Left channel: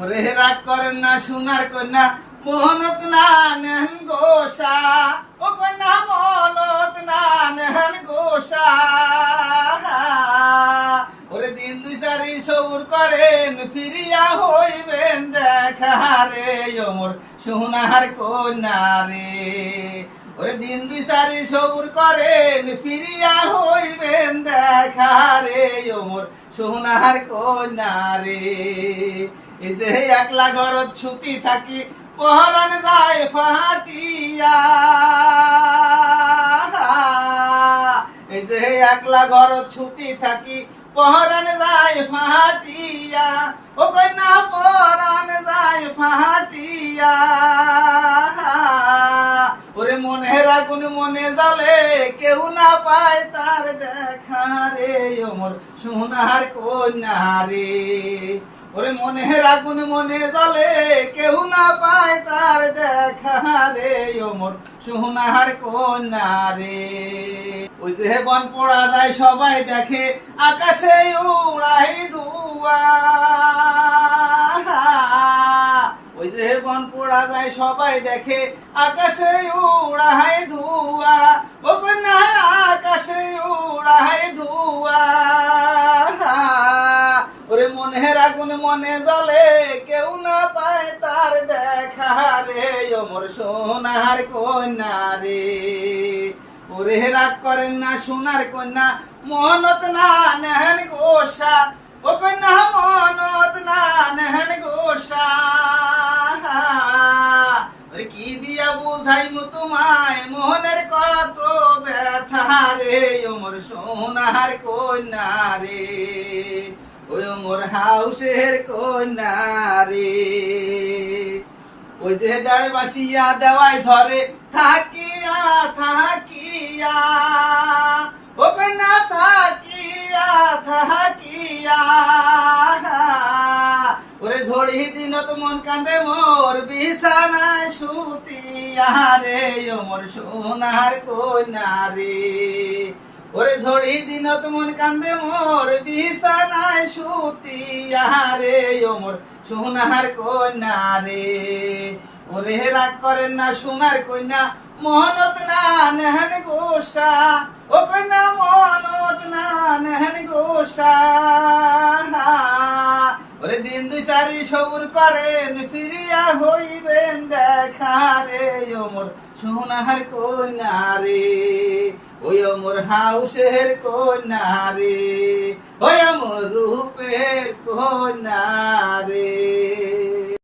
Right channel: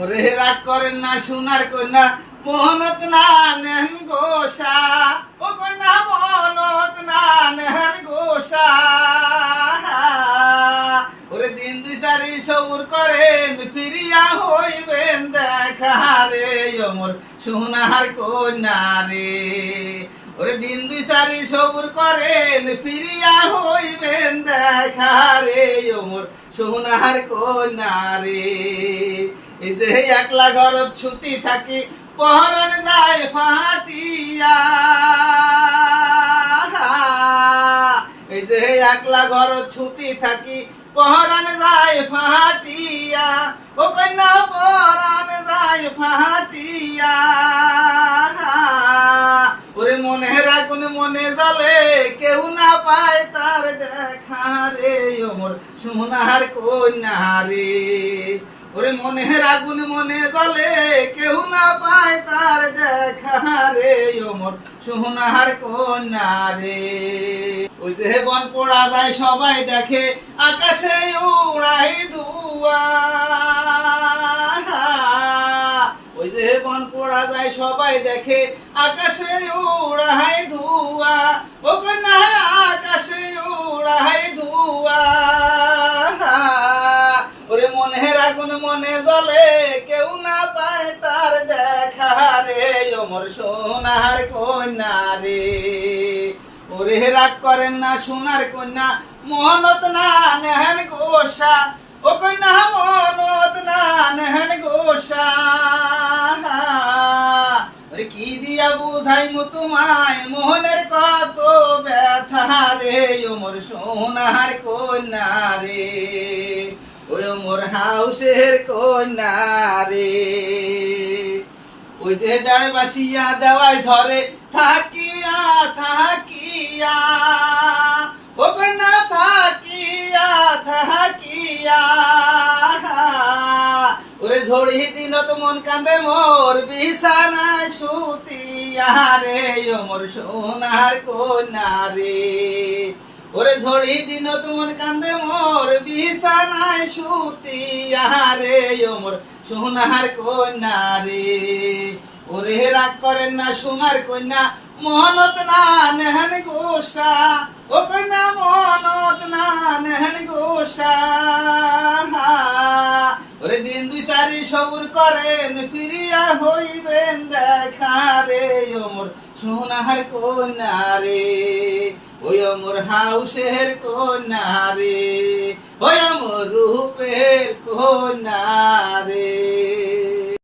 ওরে রাগ করেন না সোনার কন্যা মোহনত না নেন গোসা, ও কন্যা মোহনত না নেন গোসা। ওরে দিন দুই চারি সবুর করেন ফিরিয়া হইবেন দেখা রে মোর সোনার কন্যা রে। ওরে দিন দুই চারি সবুর করেন ফিরিয়া হইবেন দেখা রে মোর সোনার কন্যা রে। এই যে একলা ঘরত ছুটি থাকি পহরান যায় ফাটিয়া, এই যে একলা ঘরত ছুটি থাকি পহরান যায় ফাটিয়া, ও কন্যা পহরান যায় ফাটিয়া। ওরে মনের আগুন মনে জ্বালে কেউ না পায় তার দেখা রে মোর সোনার কন্যা রে। ওরে মনের আগুন মনে জ্বলে কেউ না পায় তার দেখা রে মোর সোনার কন্যা রে। ওই যে বন পোড়া যায় সবাই দেখে আকাশে উড়াই ধুয়া, ওই যে বন পোড়া যায় সবাই দেখে আকাশে উড়াই ধুয়া, ও কন্যা আকাশে উড়াই ধুয়া। ওরে মনের আগুন মনে জ্বলে কেউ না পায় তার দেখা রে মোর সোনার কন্যা রে। ওরে রাগ করেন না সোনার কন্যা মোহনত না নেহেন গোসা, ও কন্যা মোহনত না নেহেন গোসা। ওরে কি দিয়া বুঝাইমু তোমায় মোহনের কত ব্যথা রে মোর সোনার কন্যা রে। ওই মোর হাউসের কন্যা রে। ওই যে দাঁড়ে বাসিয়া দেওয়াই ঝরে থাকিয়া থাকিয়া, ও কন্যা থাকিয়া থাকিয়া। ওরে ঝড়ি দিনত মন কান্দে মোর বিছানায় সুতিয়া রে মোর সোনার কন্যা রে। ওরে ঝড়ি দিনত মন কান্দে মোর বিছানায় সুতিয়া রে মোর সোনার কন্যা রে। ওরে রাগ করেন না সোনার কন্যা মোহনত না নেহেন গোসা, ও কন্যা মোহনত না নেহেন গোসা। ওরে দিন দুই চারি সবুর করেন ফিরিয়া হইবেন দেখা রে মোর সোনার কন্যা রে। ওই মোর হাউসের কন্যা রে, ওই মোর রূপের কন্যা রে।